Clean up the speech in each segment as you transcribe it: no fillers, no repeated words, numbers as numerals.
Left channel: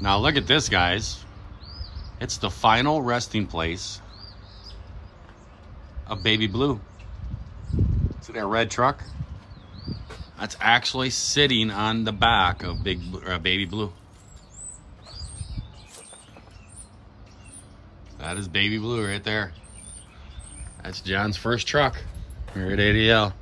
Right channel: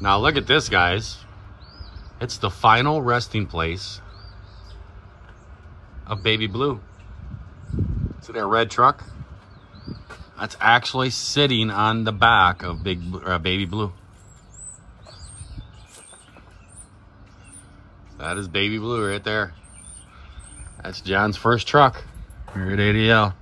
Now look at this, guys. It's the final resting place of Baby Blue. See that red truck? That's actually sitting on the back of Baby Blue. That is Baby Blue right there. That's John's first truck here at ADL.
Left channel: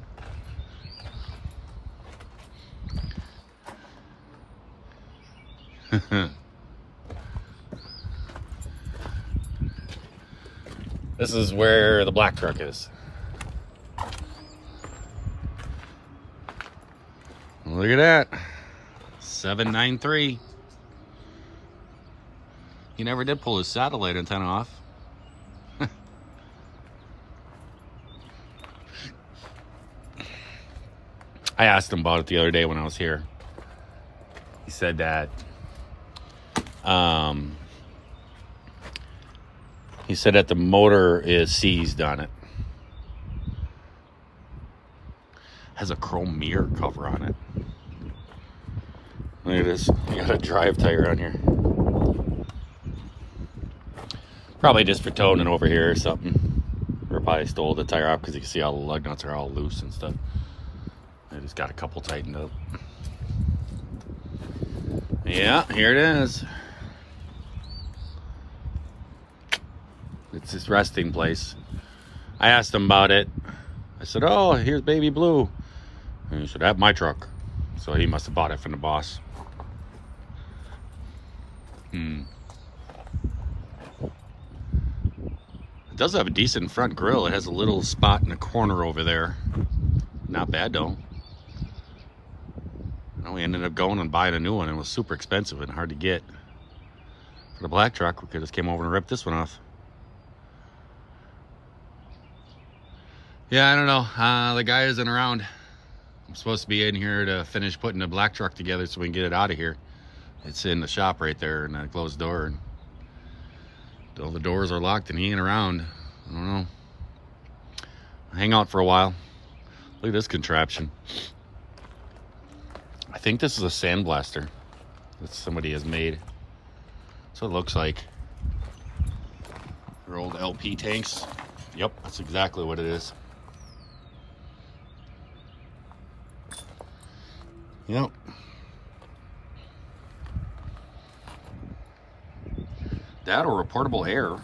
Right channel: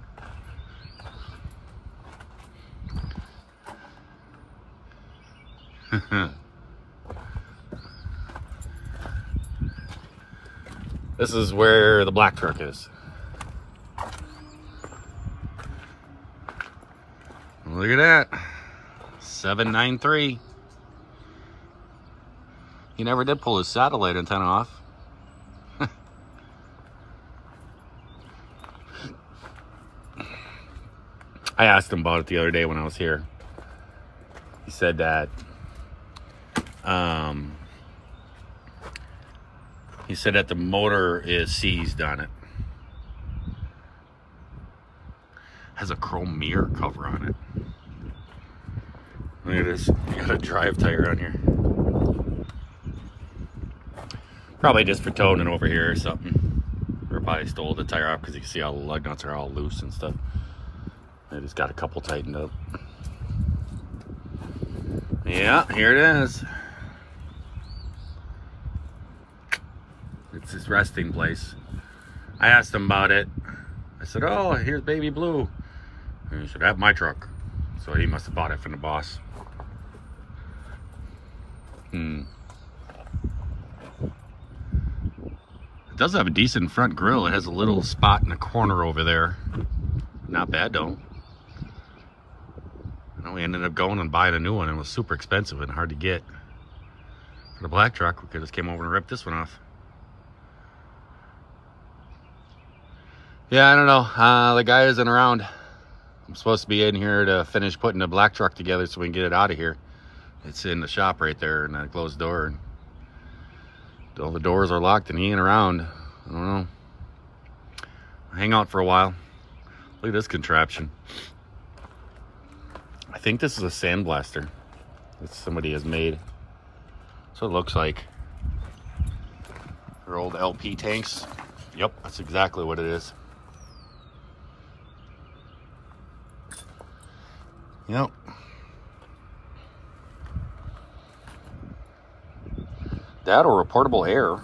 This is where the black truck is. Look at that. 793. He never did pull his satellite antenna off. I asked him about it the other day when I was here. He said that the motor is seized on it. Has a chrome mirror cover on it. Look at this. You got a drive tire on here. Probably just for towing it over here or something. Or probably stole the tire off because you can see all the lug nuts are all loose and stuff. I just got a couple tightened up. Yeah, here it is. It's this resting place. I asked him about it. I said, oh, here's Baby Blue. And he said, that's my truck. So he must have bought it from the boss. It does have a decent front grille. It has a little spot in the corner over there. Not bad though. And we ended up going and buying a new one, and it was super expensive and hard to get. For the black truck, we could just came over and ripped this one off. Yeah, I don't know. The guy isn't around. I'm supposed to be in here to finish putting the black truck together so we can get it out of here. It's in the shop right there in that closed door. And all the doors are locked and he ain't around. I don't know. I'll hang out for a while. Look at this contraption. I think this is a sandblaster that somebody has made. So it looks like. Their old LP tanks. Yep, that's exactly what it is. Yep. That or a portable air.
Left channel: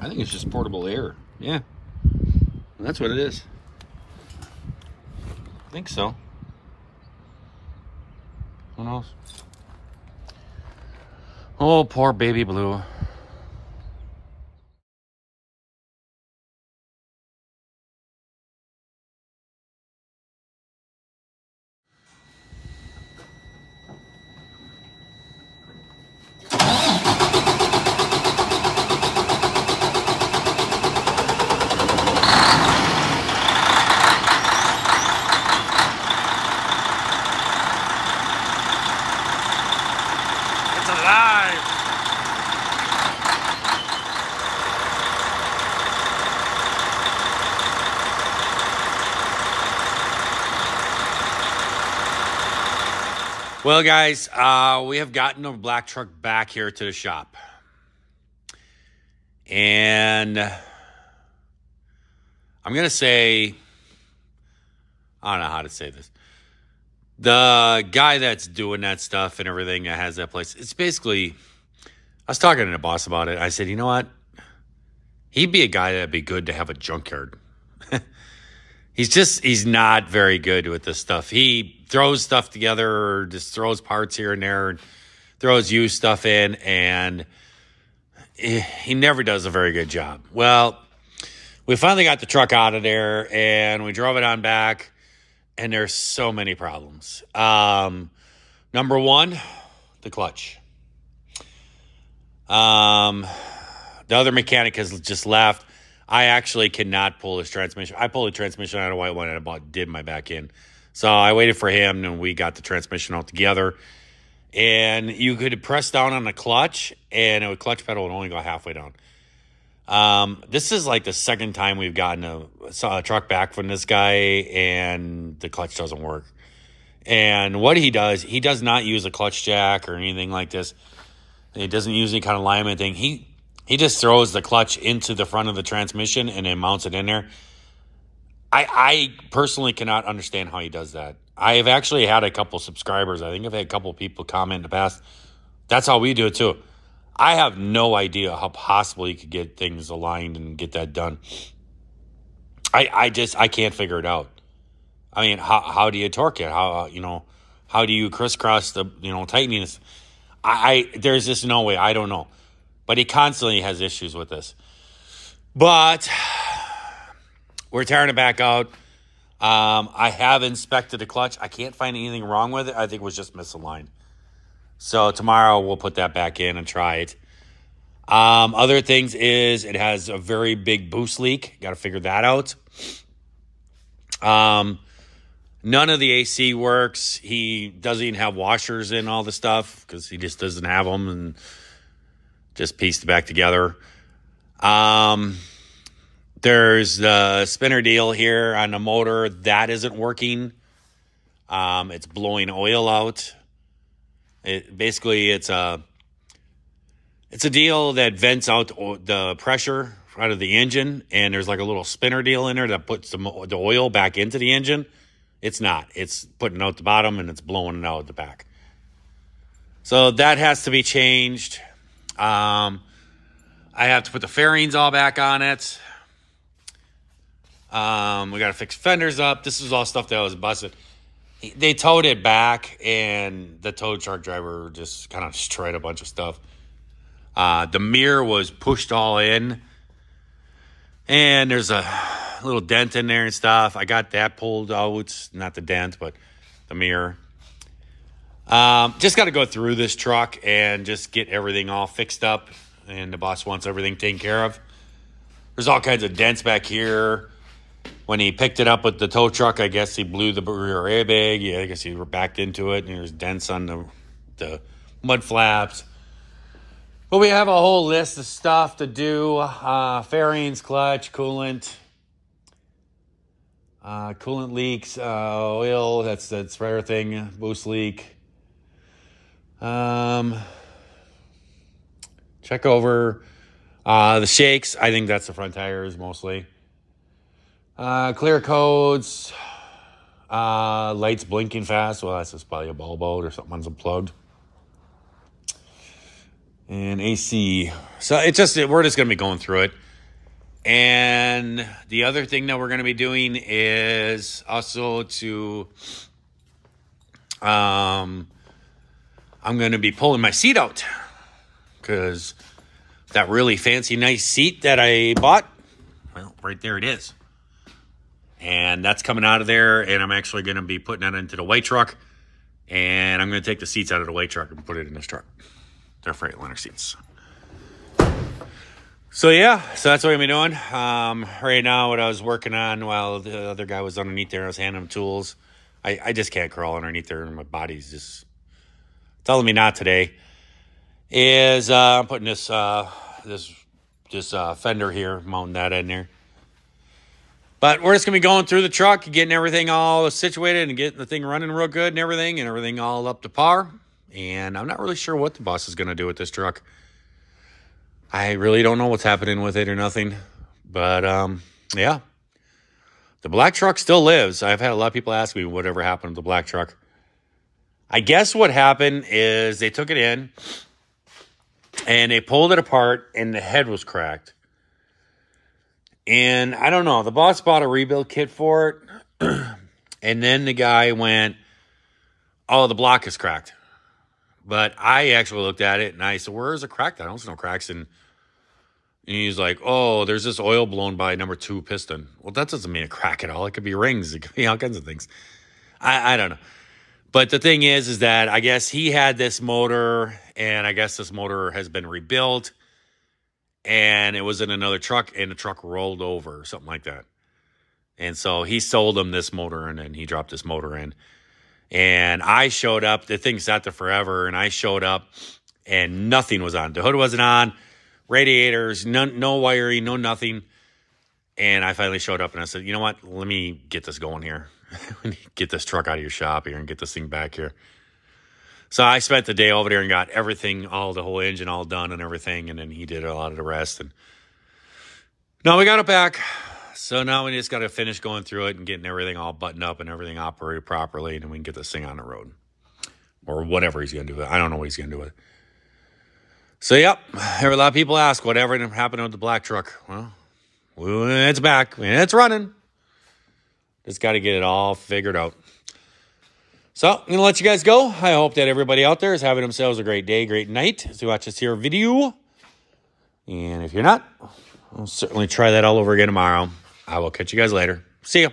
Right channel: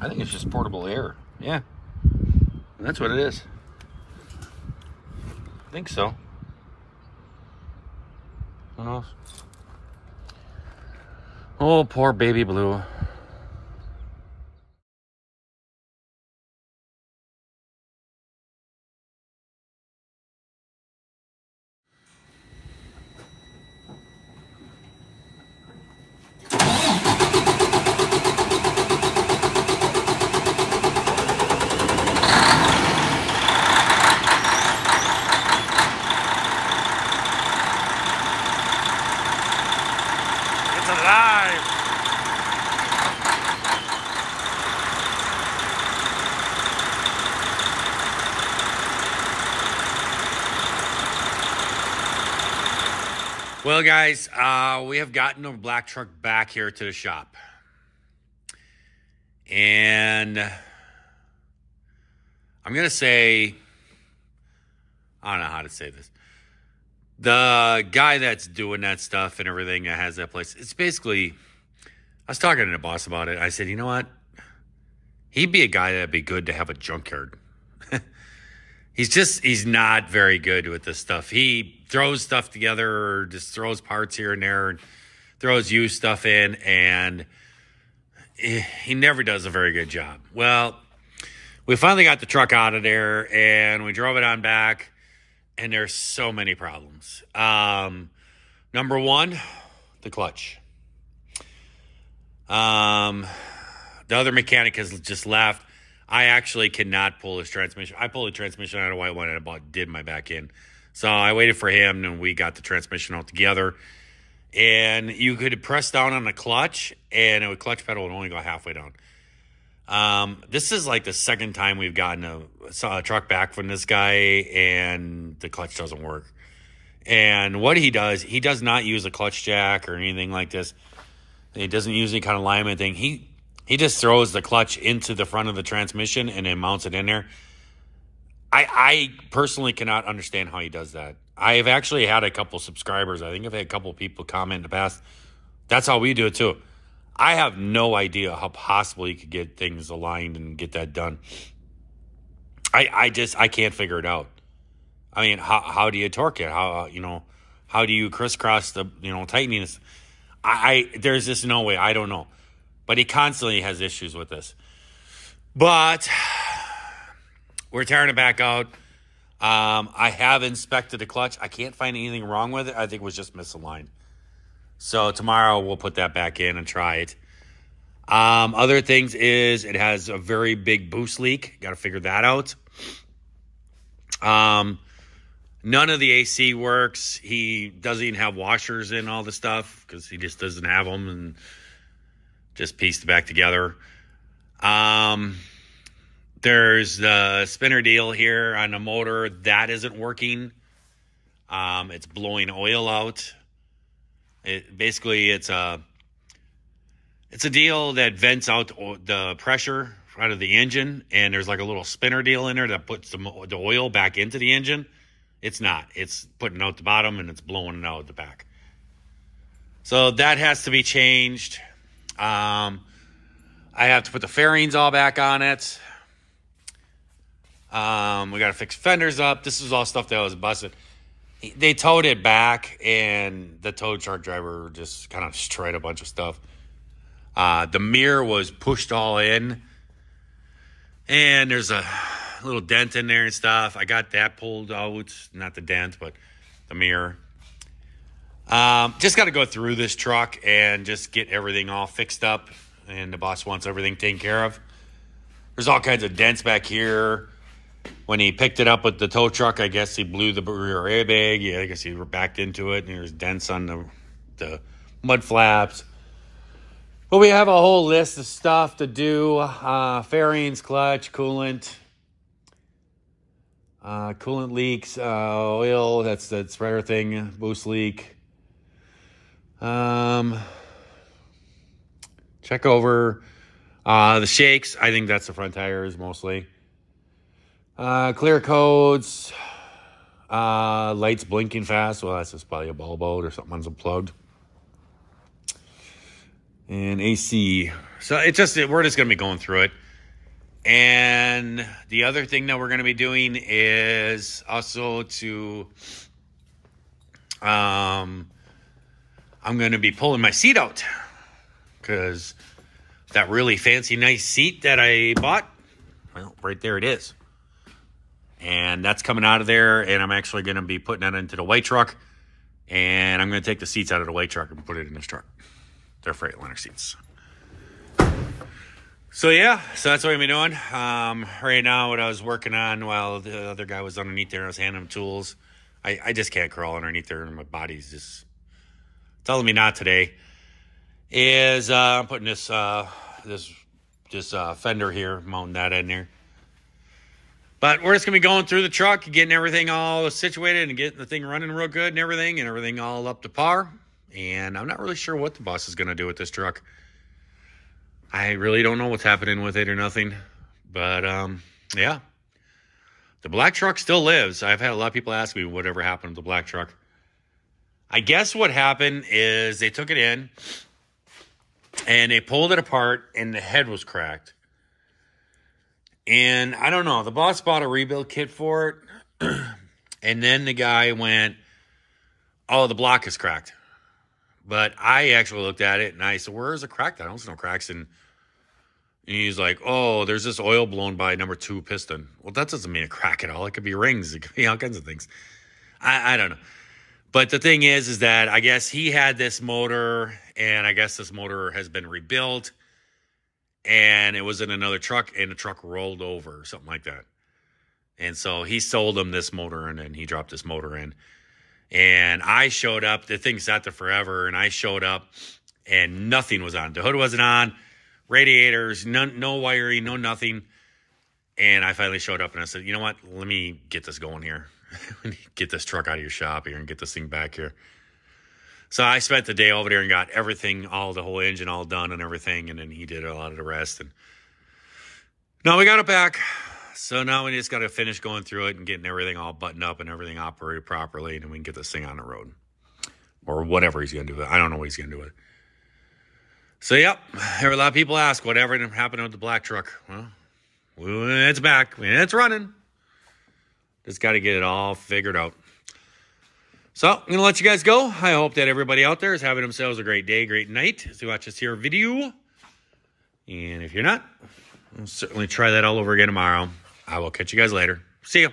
I think it's just portable air. Yeah. That's what it is. I think so. Who knows? Oh, poor Baby Blue. It's alive. Well, guys, we have gotten a black truck back here to the shop. And I'm going to say, I don't know how to say this. The guy that's doing that stuff and everything that has that place, it's basically, I was talking to the boss about it. I said, you know what? He'd be a guy that'd be good to have a junkyard. He's not very good with this stuff. He throws stuff together or just throws parts here and there and throws used stuff in, and he never does a very good job. Well, we finally got the truck out of there and we drove it on back, and there's so many problems. Number one, the clutch. The other mechanic has just left. I actually cannot pull his transmission. I pulled the transmission out of white one and about did my back end. So I waited for him and we got the transmission all together. And you could press down on the clutch and the clutch pedal would only go halfway down. This is like the second time we've gotten a truck back from this guy and the clutch doesn't work. And what he does not use a clutch jack or anything like this. He doesn't use any kind of alignment thing. He just throws the clutch into the front of the transmission and then mounts it in there. I personally cannot understand how he does that. I have actually had a couple subscribers. I think I've had a couple people comment in the past. That's how we do it too. I have no idea how possible you could get things aligned and get that done. I can't figure it out. I mean, how do you torque it? How do you crisscross the, tightening this? There's just no way. I don't know. But he constantly has issues with this. But we're tearing it back out. I have inspected the clutch. I can't find anything wrong with it. I think it was just misaligned. So tomorrow we'll put that back in and try it. Other things is it has a very big boost leak. Got to figure that out. None of the AC works. He doesn't even have washers in all the stuff because he just doesn't have them and just pieced it back together. There's the spinner deal here on the motor. That isn't working. It's blowing oil out. It's a deal that vents out the pressure out of the engine, and there's like a little spinner deal in there that puts the oil back into the engine. It's not. It's putting out the bottom, and it's blowing it out the back. So that has to be changed. I have to put the fairings all back on it. We got to fix fenders up. This is all stuff that was busted. They towed it back, and the tow truck driver just kind of destroyed a bunch of stuff. The mirror was pushed all in, and there's a little dent in there and stuff. I got that pulled out. Not the dent, but the mirror. Just got to go through this truck and just get everything all fixed up, and the boss wants everything taken care of. There's all kinds of dents back here. When he picked it up with the tow truck, I guess he blew the rear airbag. Yeah, I guess he backed into it, and there's dents on the mud flaps. But we have a whole list of stuff to do. Fairings, clutch, coolant. Coolant leaks, oil, that's the spreader thing, boost leak. Check over the shakes. I think that's the front tires mostly. Clear codes. Lights blinking fast. Well, that's just probably a bulb out or something's unplugged. And AC. So we're just going to be going through it. And the other thing that we're going to be doing is also I'm going to be pulling my seat out because that really fancy, nice seat that I bought, well, right there it is. And that's coming out of there, and I'm actually going to be putting that into the white truck, and I'm going to take the seats out of the white truck and put it in this truck. They're Freightliner seats. So yeah, so that's what I'm doing. Right now, what I was working on while the other guy was underneath there, I was handing him tools. I just can't crawl underneath there, and my body's just telling me not today. Is I'm putting this fender here, mounting that in there. But we're just gonna be going through the truck, getting everything all situated, and getting the thing running real good and everything all up to par. And I'm not really sure what the boss is gonna do with this truck. I really don't know what's happening with it or nothing. But, yeah. The black truck still lives. I've had a lot of people ask me whatever happened to the black truck. I guess what happened is they took it in, and they pulled it apart, and the head was cracked. And I don't know. The boss bought a rebuild kit for it, and then the guy went, oh, the block is cracked. But I actually looked at it, and I said, where is it cracked? I don't see no cracks. And he's like, oh, there's this oil blown by number 2 piston. Well, that doesn't mean a crack at all. It could be rings. It could be all kinds of things. I don't know. But the thing is that I guess he had this motor, and I guess this motor has been rebuilt, and it was in another truck, and the truck rolled over or something like that. And so he sold him this motor, and then he dropped this motor in. And I showed up. The thing sat there forever, and I showed up, and nothing was on. The hood wasn't on. Radiators, no wiring, no nothing. And I finally showed up, and I said, you know what? Let me get this going here. Get this truck out of your shop here and get this thing back here. So I spent the day over there and got everything, the whole engine all done and everything. And then he did a lot of the rest. And now we got it back. So now we just got to finish going through it and getting everything all buttoned up and everything operated properly. And then we can get this thing on the road. Or whatever he's going to do with it. I don't know what he's going to do with it. So, yep. There were a lot of people ask whatever happened with the black truck. Well, it's back. It's running. Just got to get it all figured out. So, I'm going to let you guys go. I hope that everybody out there is having themselves a great day, great night as you watch this here video. And if you're not, I'll certainly try that all over again tomorrow. I will catch you guys later. See ya.